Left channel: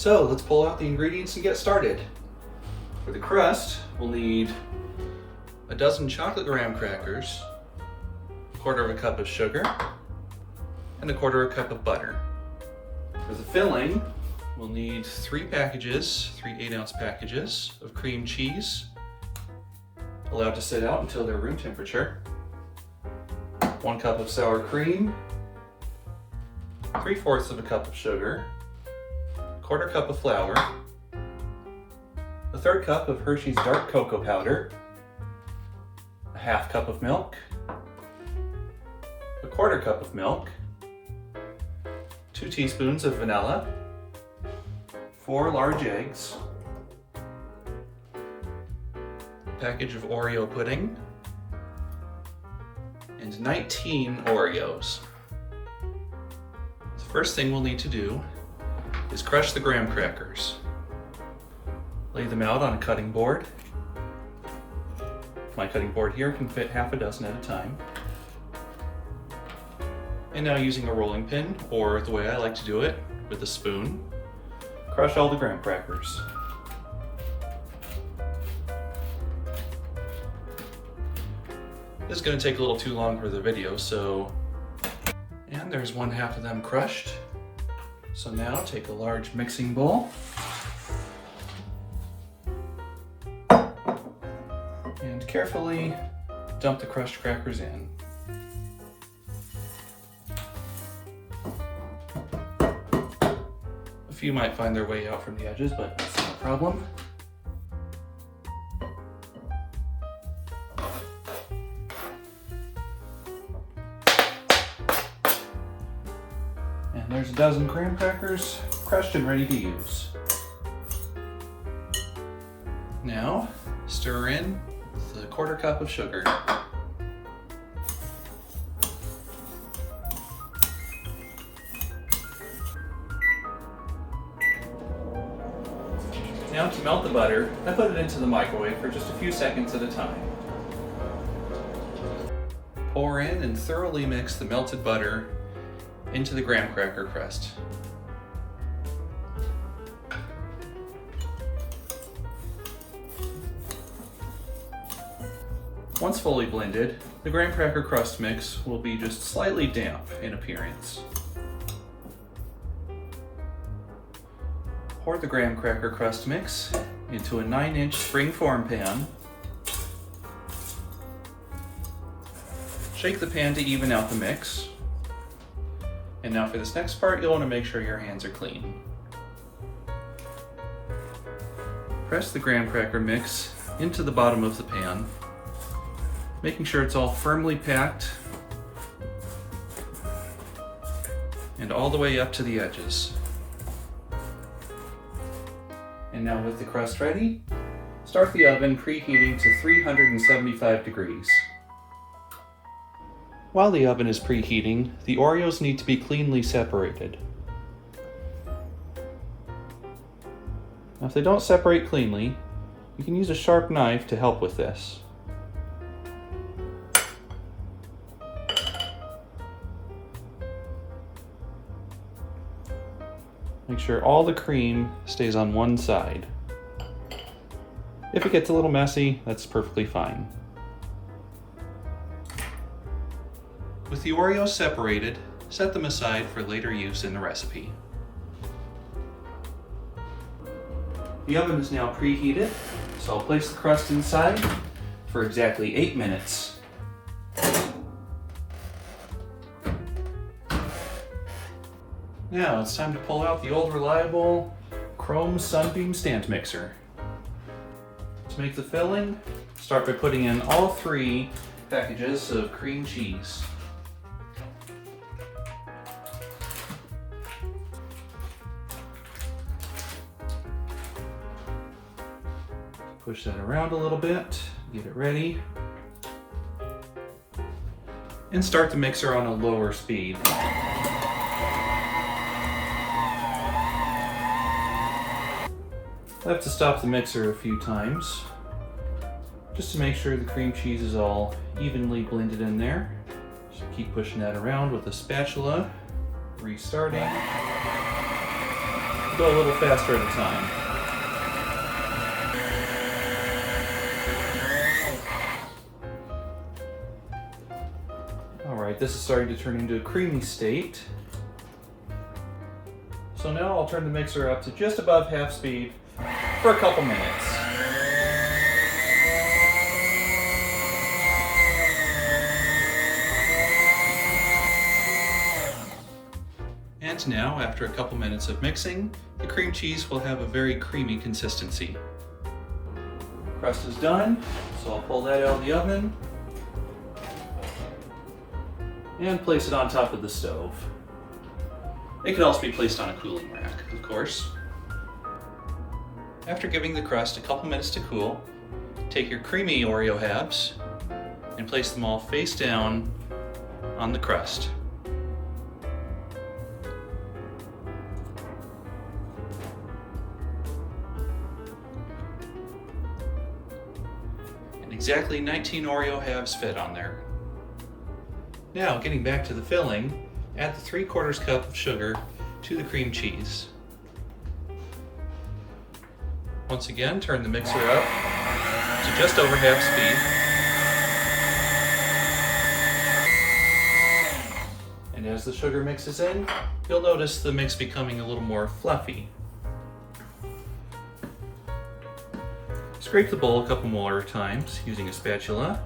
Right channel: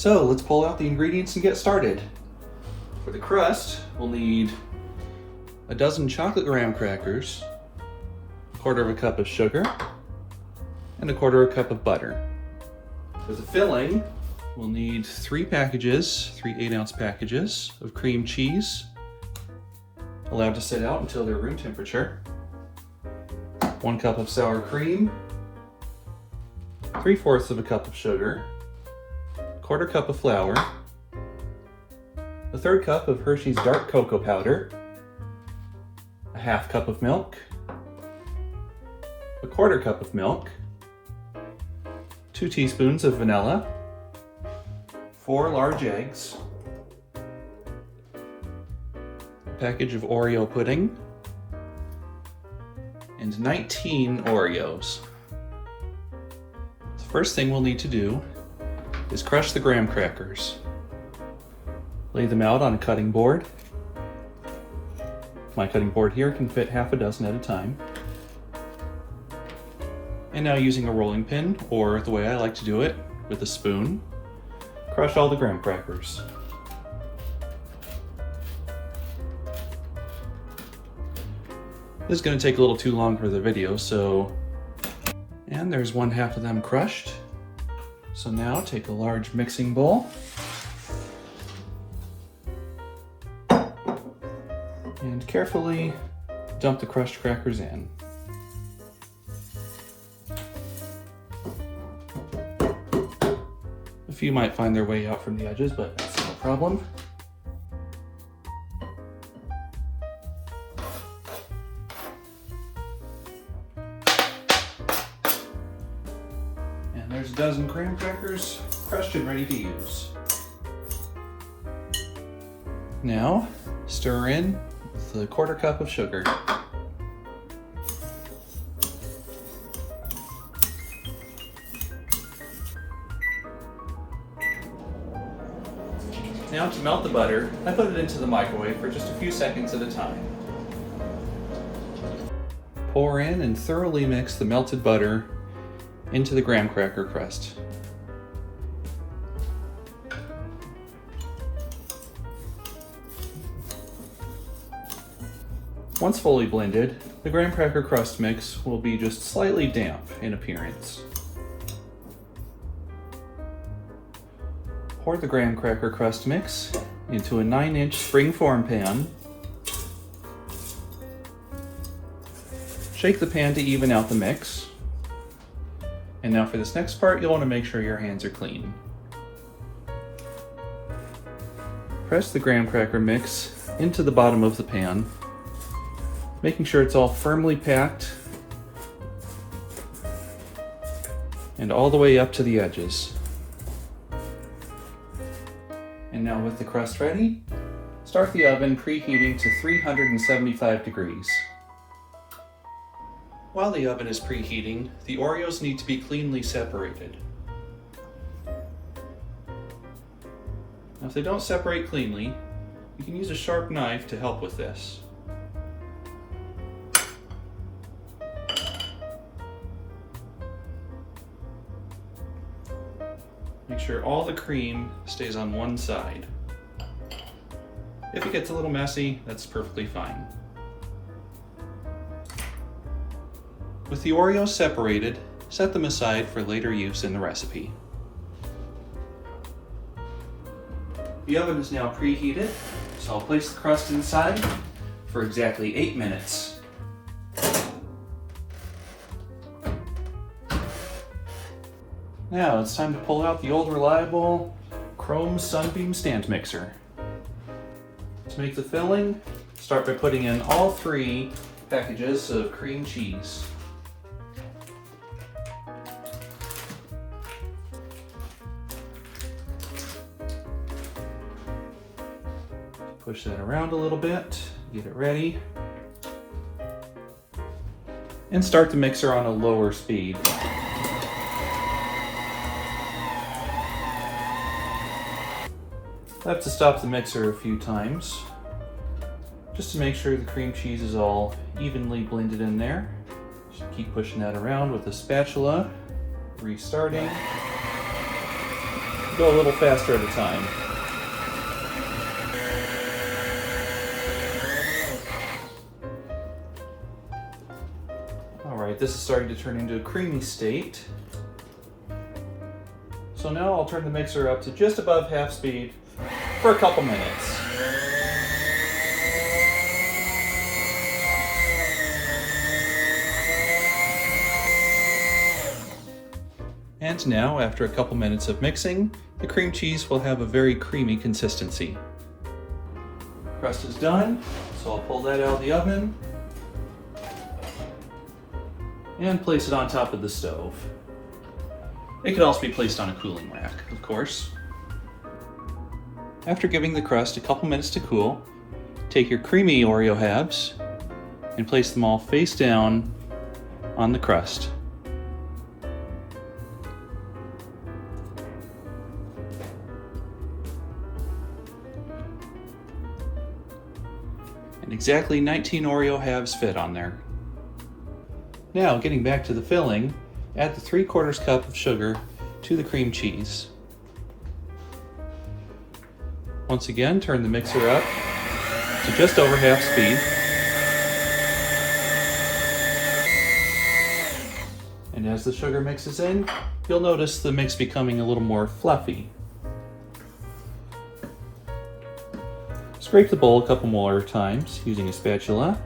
So let's pull out the ingredients and get started. For the crust, we'll need a dozen chocolate graham crackers, a quarter of a cup of sugar, and a quarter of a cup of butter. For the filling, we'll need 3 packages, 3 8-ounce packages of cream cheese, allowed to sit out until they're room temperature, 1 cup of sour cream, 3/4 of a cup of sugar, 1/4 cup of flour, a 1/3 cup of Hershey's dark cocoa powder, a 1/2 cup of milk, a 1/4 cup of milk, 2 teaspoons of vanilla, 4 large eggs, a package of Oreo pudding, and 19 Oreos. The first thing we'll need to do is crush the graham crackers. Lay them out on a cutting board. My cutting board here can fit 6 at a time. And now, using a rolling pin, or the way I like to do it, with a spoon, crush all the graham crackers. This is going to take a little too long for the video, and there's 1/2 of them crushed. So now take a large mixing bowl and carefully dump the crushed crackers in. A few might find their way out from the edges, but that's not a problem. And there's a dozen graham crackers crushed and ready to use. Now, stir in the 1/4 cup of sugar. Now, to melt the butter, I put it into the microwave for just a few seconds at a time. Pour in and thoroughly mix the melted butter into the graham cracker crust. Once fully blended, the graham cracker crust mix will be just slightly damp in appearance. Pour the graham cracker crust mix into a 9-inch springform pan. Shake the pan to even out the mix. And now for this next part, you'll want to make sure your hands are clean. Press the graham cracker mix into the bottom of the pan, making sure it's all firmly packed and all the way up to the edges. And now, with the crust ready, start the oven preheating to 375 degrees. While the oven is preheating, the Oreos need to be cleanly separated. Now, if they don't separate cleanly, you can use a sharp knife to help with this. Make sure all the cream stays on one side. If it gets a little messy, that's perfectly fine. With the Oreos separated, set them aside for later use in the recipe. The oven is now preheated, so I'll place the crust inside for exactly 8 minutes. Now it's time to pull out the old reliable chrome sunbeam stand mixer. To make the filling, start by putting in all 3 packages of cream cheese. Push that around a little bit, get it ready, and start the mixer on a lower speed. I have to stop the mixer a few times just to make sure the cream cheese is all evenly blended in there. Just keep pushing that around with a spatula, restarting. go a little faster at a time. Alright, this is starting to turn into a creamy state. So now I'll turn the mixer up to just above half speed for a couple minutes. And now, after a couple minutes of mixing, the cream cheese will have a very creamy consistency. Crust is done, so I'll pull that out of the oven and place it on top of the stove. It could also be placed on a cooling rack, of course. After giving the crust a couple minutes to cool, take your creamy Oreo halves and place them all face down on the crust. And exactly 19 Oreo halves fit on there. Now, getting back to the filling, add the 3/4 cup of sugar to the cream cheese. Once again, turn the mixer up to just over half speed. And as the sugar mixes in, you'll notice the mix becoming a little more fluffy. Scrape the bowl a couple more times using a spatula.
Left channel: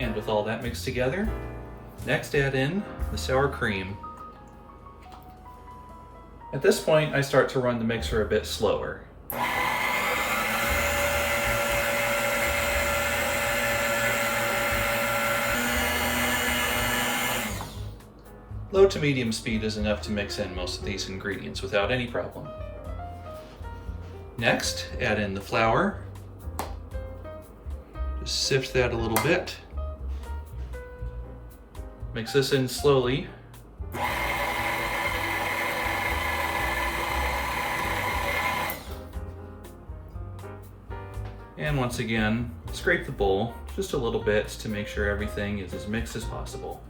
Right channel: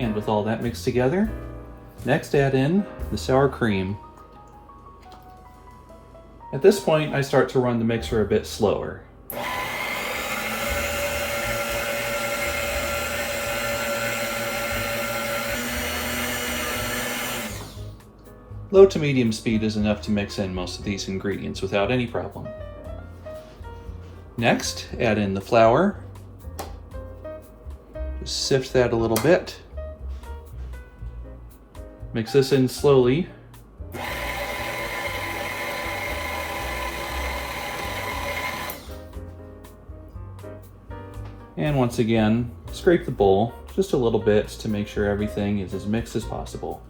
And with all that mixed together, next add in the sour cream. At this point, I start to run the mixer a bit slower. Low to medium speed is enough to mix in most of these ingredients without any problem. Next, add in the flour. Just sift that a little bit. Mix this in slowly. And once again, scrape the bowl just a little bit to make sure everything is as mixed as possible.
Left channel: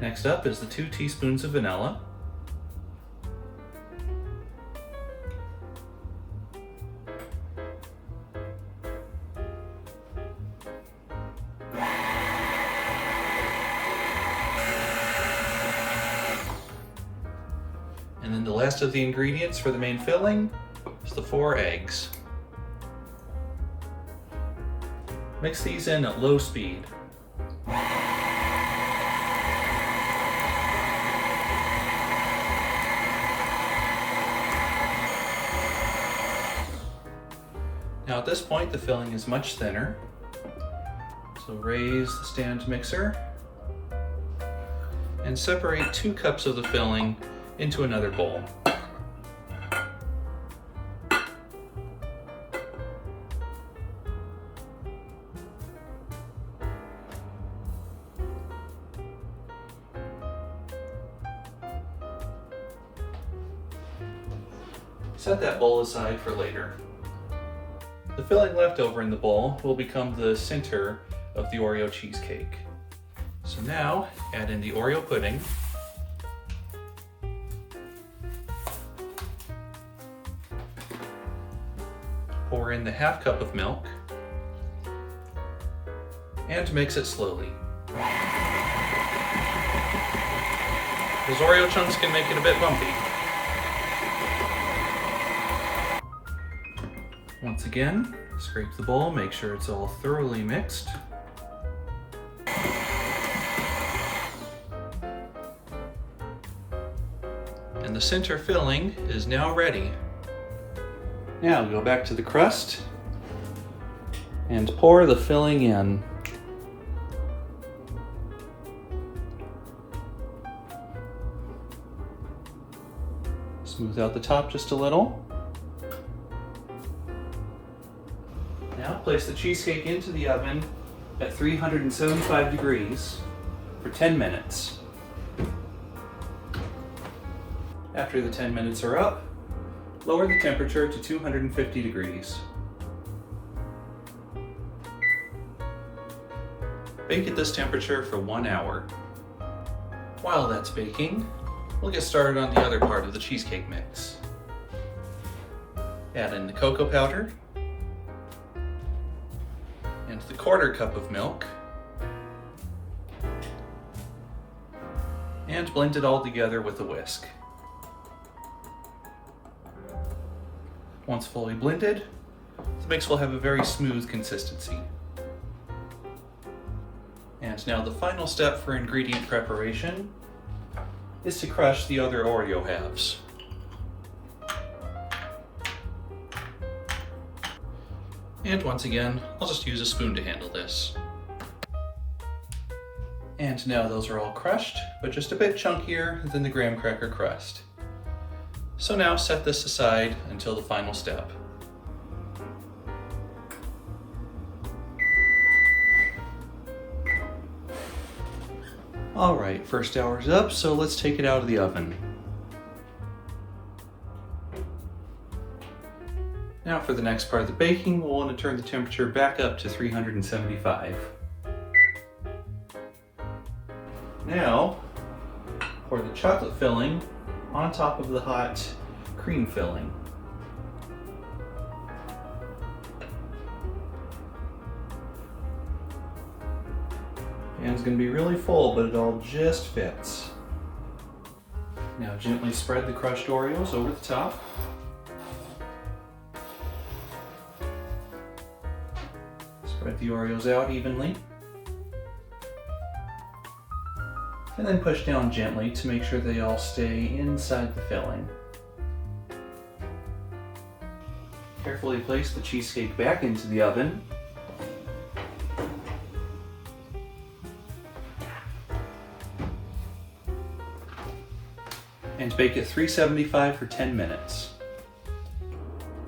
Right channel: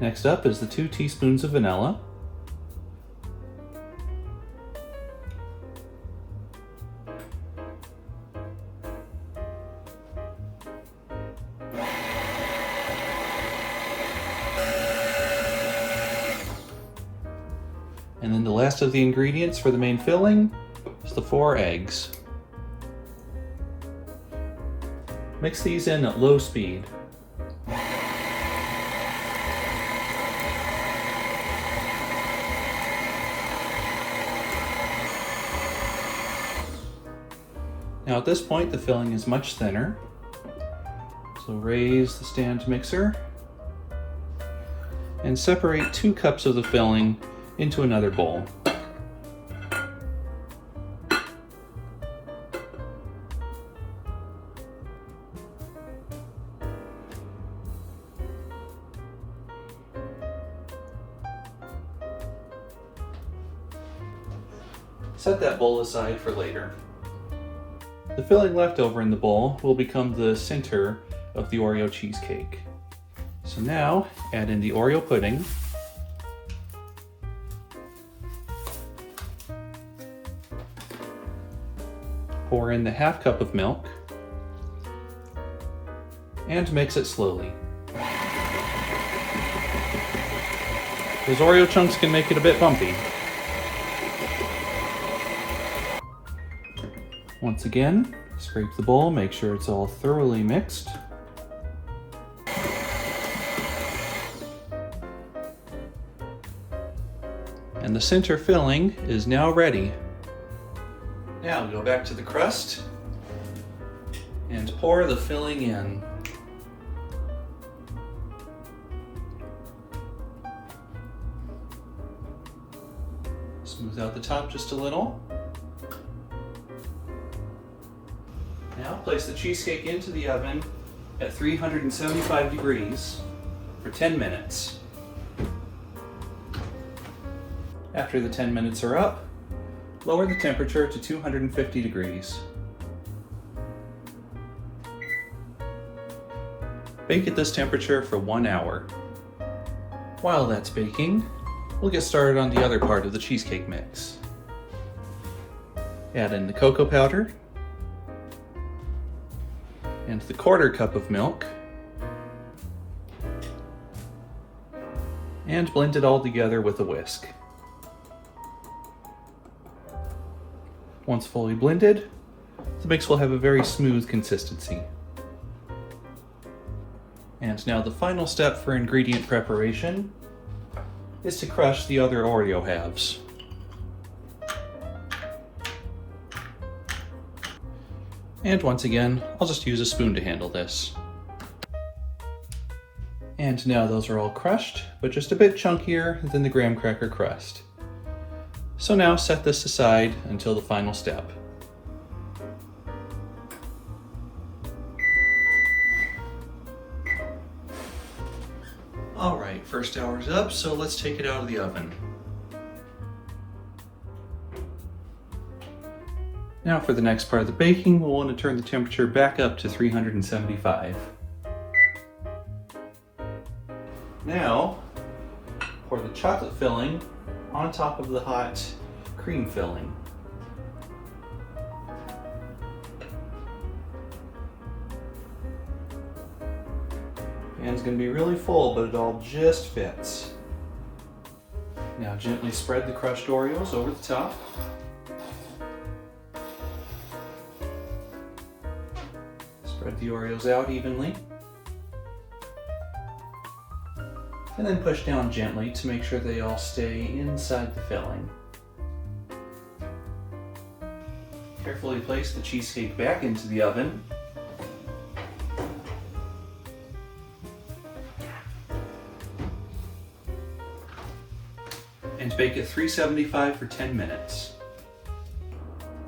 Next up is the 2 teaspoons of vanilla. And then the last of the ingredients for the main filling is the 4 eggs. Mix these in at low speed. Now at this point the filling is much thinner, so raise the stand mixer and separate 2 cups of the filling into another bowl. Set that bowl aside for later. The filling left over in the bowl will become the center of the Oreo cheesecake. So now, add in the Oreo pudding. Pour in the ½ cup of milk and mix it slowly. Those Oreo chunks can make it a bit bumpy. Once again, scrape the bowl, make sure it's all thoroughly mixed. And the center filling is now ready. Now go back to the crust and pour the filling in. Smooth out the top just a little. Now place the cheesecake into the oven at 375 degrees for 10 minutes. After the 10 minutes are up, Lower the temperature to 250 degrees. Bake at this temperature for 1 hour. While that's baking, we'll get started on the other part of the cheesecake mix. Add in the cocoa powder and the 1/4 cup of milk, and blend it all together with a whisk. Once fully blended, the mix will have a very smooth consistency. And now the final step for ingredient preparation is to crush the other Oreo halves. And once again, I'll just use a spoon to handle this. And now those are all crushed, but just a bit chunkier than the graham cracker crust. So now set this aside until the final step. Alright, first hour's up, so let's take it out of the oven. Now for the next part of the baking, we'll want to turn the temperature back up to 375. Now, pour the chocolate filling on top of the hot cream filling. Pan's going to be really full, but it all just fits. Now gently spread the crushed Oreos over the top. Spread the Oreos out evenly. And then push down gently to make sure they all stay inside the filling. Carefully place the cheesecake back into the oven. And bake at 375 for 10 minutes.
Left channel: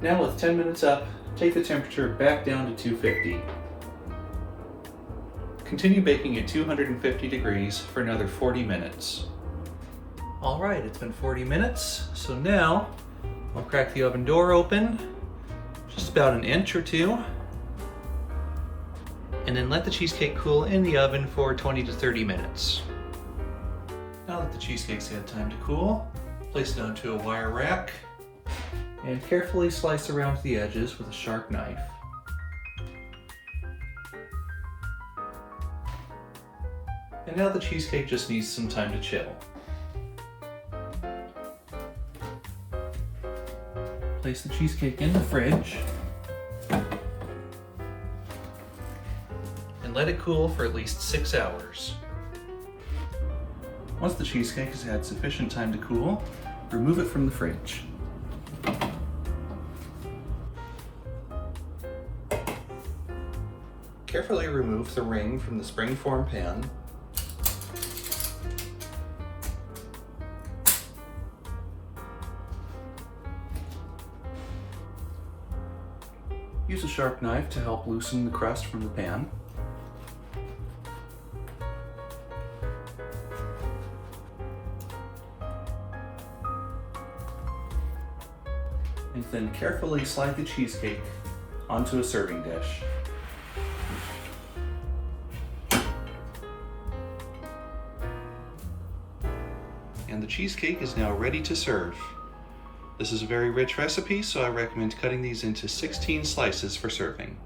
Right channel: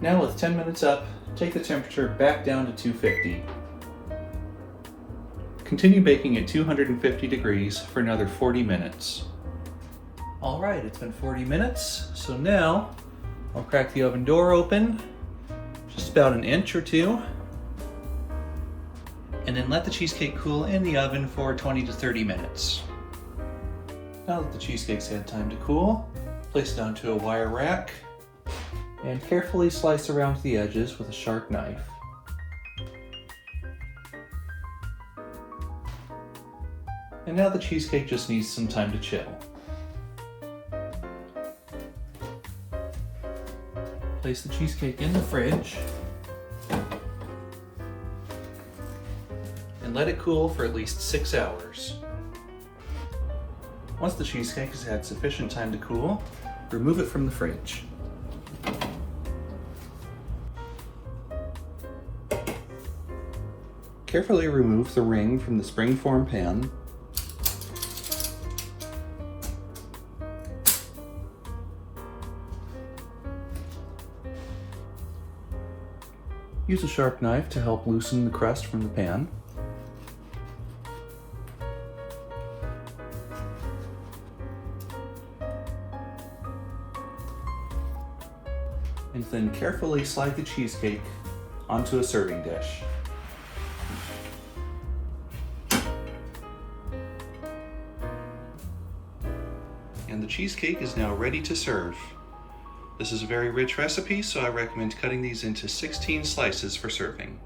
Now with 10 minutes up, take the temperature back down to 250. Continue baking at 250 degrees for another 40 minutes. All right, it's been 40 minutes, so now I'll crack the oven door open, just about an inch or two, and then let the cheesecake cool in the oven for 20 to 30 minutes. Now that the cheesecake's had time to cool, place it onto a wire rack and carefully slice around the edges with a sharp knife. And now the cheesecake just needs some time to chill. Place the cheesecake in the fridge and let it cool for at least 6 hours. Once the cheesecake has had sufficient time to cool, remove it from the fridge. Carefully remove the ring from the springform pan. Use a sharp knife to help loosen the crust from the pan. And then carefully slide the cheesecake onto a serving dish. And the cheesecake is now ready to serve. This is a very rich recipe, so I recommend cutting these into 16 slices for serving.